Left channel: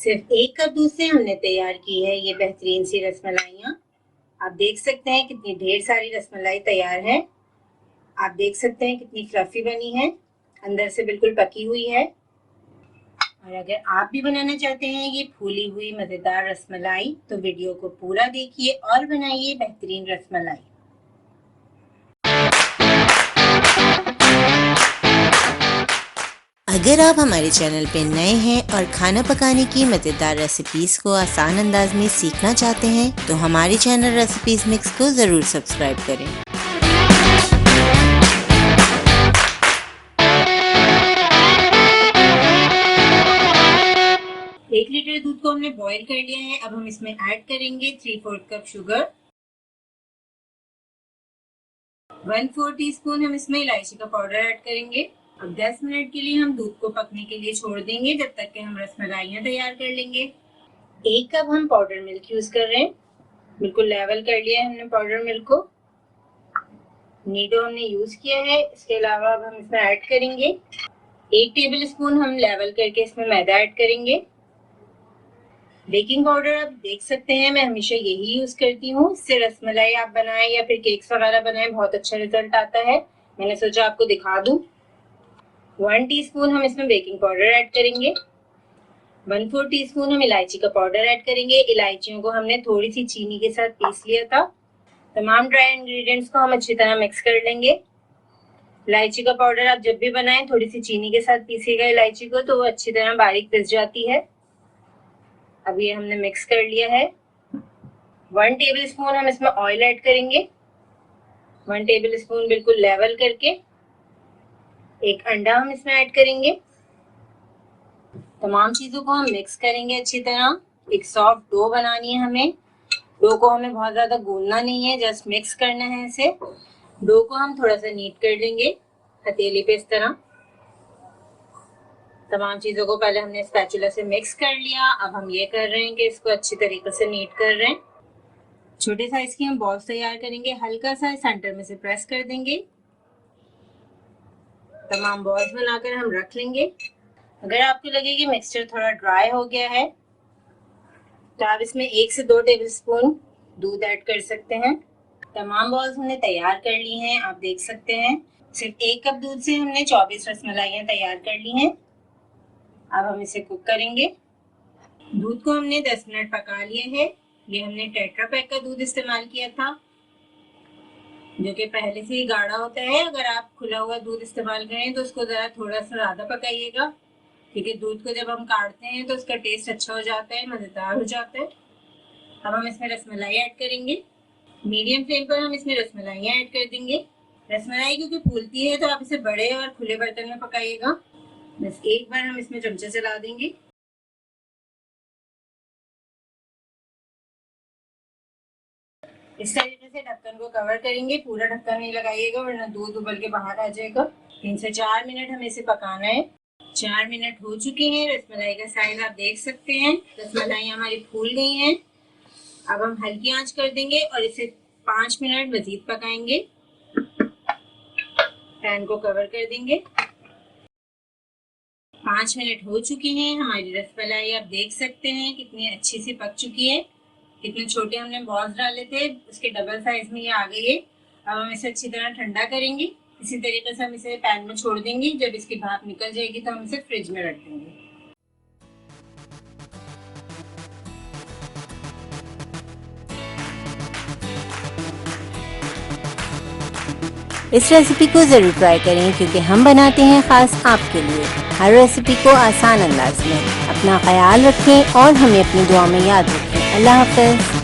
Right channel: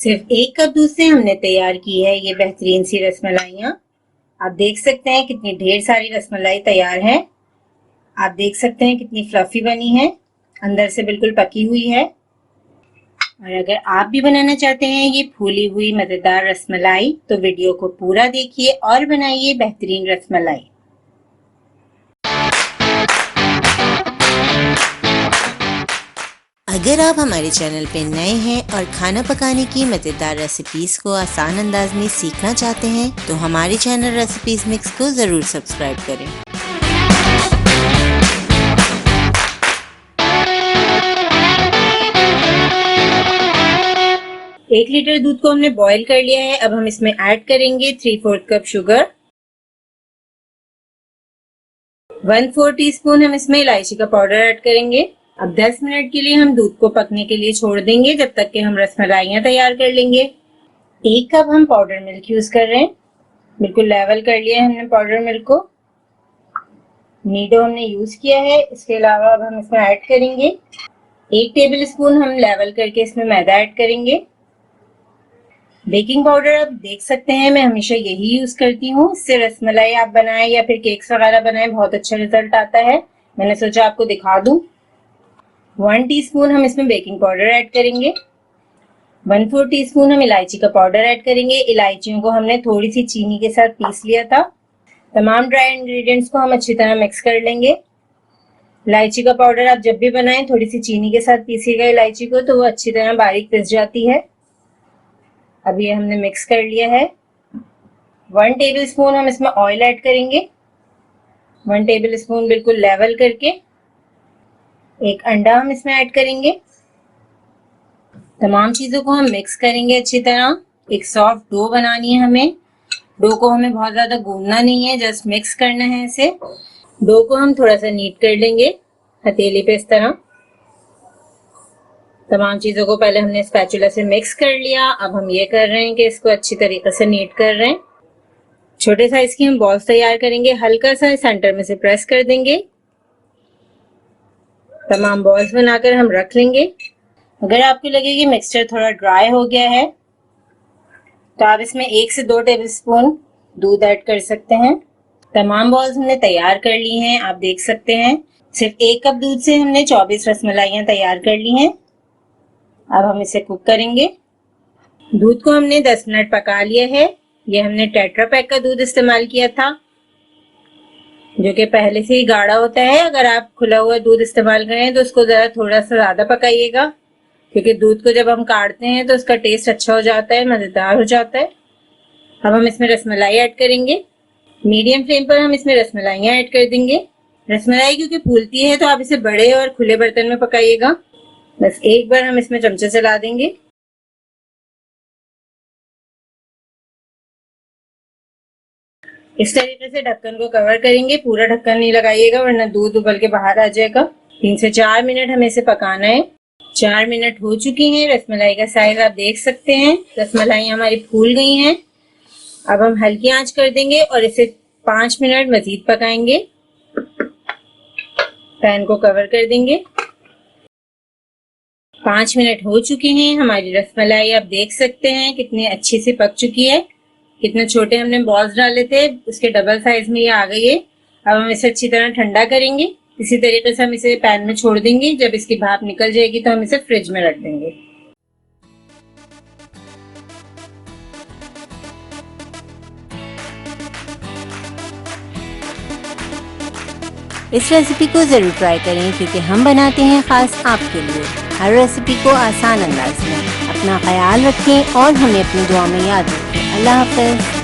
सिर्फ 1 कप दूध से हमने तैयार की है ये बेहतरीन सी रसमलाइयाँ। आप देख सकते हैं कितनी ढेर सारी रसमलाई तैयार है। आप देख सकते हैं कितनी फ्लफी बनी है, अंदर से बिल्कुल पकी हुई है। और अगर आप भी बनाना चाहते हैं ये फूली हुई मजेदार रसमलाई तो वीडियो को पूरा देखिए और बनाइए बेहतरीन रसमलाई। अगर आप हमारे चैनल पे नए हैं और खाना पकाने की मज़ेदार रेसिपीज़ को आसान अंदाज में सीखना चाहते हैं तो हमारे चैनल रेसिपीज़ मिक्स को ज़रूर सब्सक्राइब करें। एक लीटर दूध को हमने बॉईल कर लिया है। अब हम इसमें ऐड करेंगे 3/4 कप शुगर। 1/4 टीस्पून हम इसमें इलायची का पाउडर ऐड करेंगे। अब 10 मिनट के लिए हम दूध को पकने के लिए छोड़ देंगे जब तक कि हम रसमलाइयाँ तैयार कर लेंगे। 1 कप हम पाउडर मिल्क यूज कर रहे हैं। बिल्कुल लेवल कर लिया है हमने पाउडर मिल्क को। नीडो हमने यूज किया है। इसके अलावा अब हम इसमें ऐड करेंगे 1 टेबल स्पून हम लेवल करके इसमें मैदा ऐड करेंगे। बेकिंग पाउडर आप देख सकते हैं मैं हमेशा यही यूज करती हूँ। इससे रसमलाई आप बनाएं या फिर केक्स वगैरह बनाएं बहुत अच्छा रिजल्ट आता है। मैंने सोचा आपको दिखा दूं। 1 टीस्पून हम इसमें बेकिंग पाउडर ऐड करेंगे। 1/4 टीस्पून हम इलायची का पाउडर ऐड करेंगे। इलायचियों को हमने थोड़ी सी चीनी के साथ पीस लिया था। तमाम ड्राई इंग्रेडिएंट्स को हम अच्छी तरह मिक्स कर लेंगे। इलायची का पाउडर आप जब भी बनाएं थोड़ी सी चीनी के साथ पीसिएगा इलायची को तो वो अच्छी तरह बारीक पिस जाती है। अब ये हमने मिक्स कर लिया है। 1 टेबल स्पून हम इसमें ऑयल ऐड करेंगे। 1 टेबल स्पून बिल्कुल लेवल करके। 1 अंडा हम इसमें ऐड करेंगे। तमाम चीजों को हम मिक्स करेंगे अच्छी तरह। एक सॉफ्ट डो बनानी है हमें। डो को हमें बहुत ज्यादा गूंदना नहीं है, जस्ट मिक्स करना है इसे। डो को हम थोड़ा सा नीट कर लेंगे हथेली पे इस तरह। तमाम चीजों को पहले हमने स्पैचुला से मिक्स कर लिया। अब हम ये कर रहे हैं कि इसको अच्छी तरीके से नीट कर रहे हैं। छोटे साइज की हम बॉल्स तैयार करेंगे। हल्का सा सेंटर में से प्रेस कर देंगे। तमाम बॉल्स बनाकर हम रख लेंगे। अगर आपको लगे कि मिक्सचर थोड़ा ड्राई हो गया है तो आप इसमें 1 से 2 टेबल स्पून दूध ऐड कर सकते हैं। तमाम बॉल्स हमने तैयार कर ली हैं। आप देख सकते हैं सिर्फ 1 कप दूध से हमने 24 रसमलाइयाँ तैयार कर ली हैं। अब हम इसे कुक करेंगे। दूध को हमने 10 मिनट पका लिया है। ये हमने टेट्रा पैक का दूध इस्तेमाल किया था जो कि पहले से ही गाढ़ा होता है। अगर आप खुला हुआ दूध इस्तेमाल करें तो उसको जरा थोड़ा सा ज्यादा पकाइएगा क्योंकि दूध को जब हम काढ़ते हैं तो उसका टेस्ट अच्छा हो जाता है, मजेदार हो जाता है। अब हम इसमें रसमलाई ऐड करेंगे। मीडियम फ्लेम पर हम इसमें रसमलाइयाँ ऐड कर देंगे। रसमलाई क्योंकि फूलती है तो आप इसे बड़े और खुले बर्तन में पकाइएगा। बस एक बार हम इसमें चमचे चला देंगे। इस तरीके से ढक्कन को कवर करेंगे। पूरा ढक्कन नहीं लगाइएगा वरना दूध उबल के बाहर आ जाएगा। 3 से 4 मिनट हमें इसे पकाना है। 4 मिनट हो चुकी हैं। रसमलाई का साइज आप देख सकते हैं। रसमलाई हमारी फूल गई हैं। अब हम हल्की आंच कर देंगे और इसे 5 मिनट मजीद पकाएंगे। पैन को कवर कर देंगे। 5 मिनट हो चुके हैं। हमारी रसमलाई आप देख सकते हैं कितनी अच्छी से पक चुकी है। कितने छोटे हमने बॉल्स डाले थे उसके डबल साइज में ये आ गई है। अब हम इसे अच्छी तरह ठंडा करेंगे। इसी तरीके से हम इसे पैन में छोड़ देंगे। जब इसकी भाप निकल जाएगी तो हम इसे फ्रिज में रख देंगे। इस रेसिपी को ज़रूर ट्राई करें क्योंकि हम बनाते हैं ख़ास आपके लिए हर रेसिपी को आसान अंदाज में। अपना ख्याल रखें और हमें अपनी दुआ में याद रखें। अल्लाह हाफ़िज़।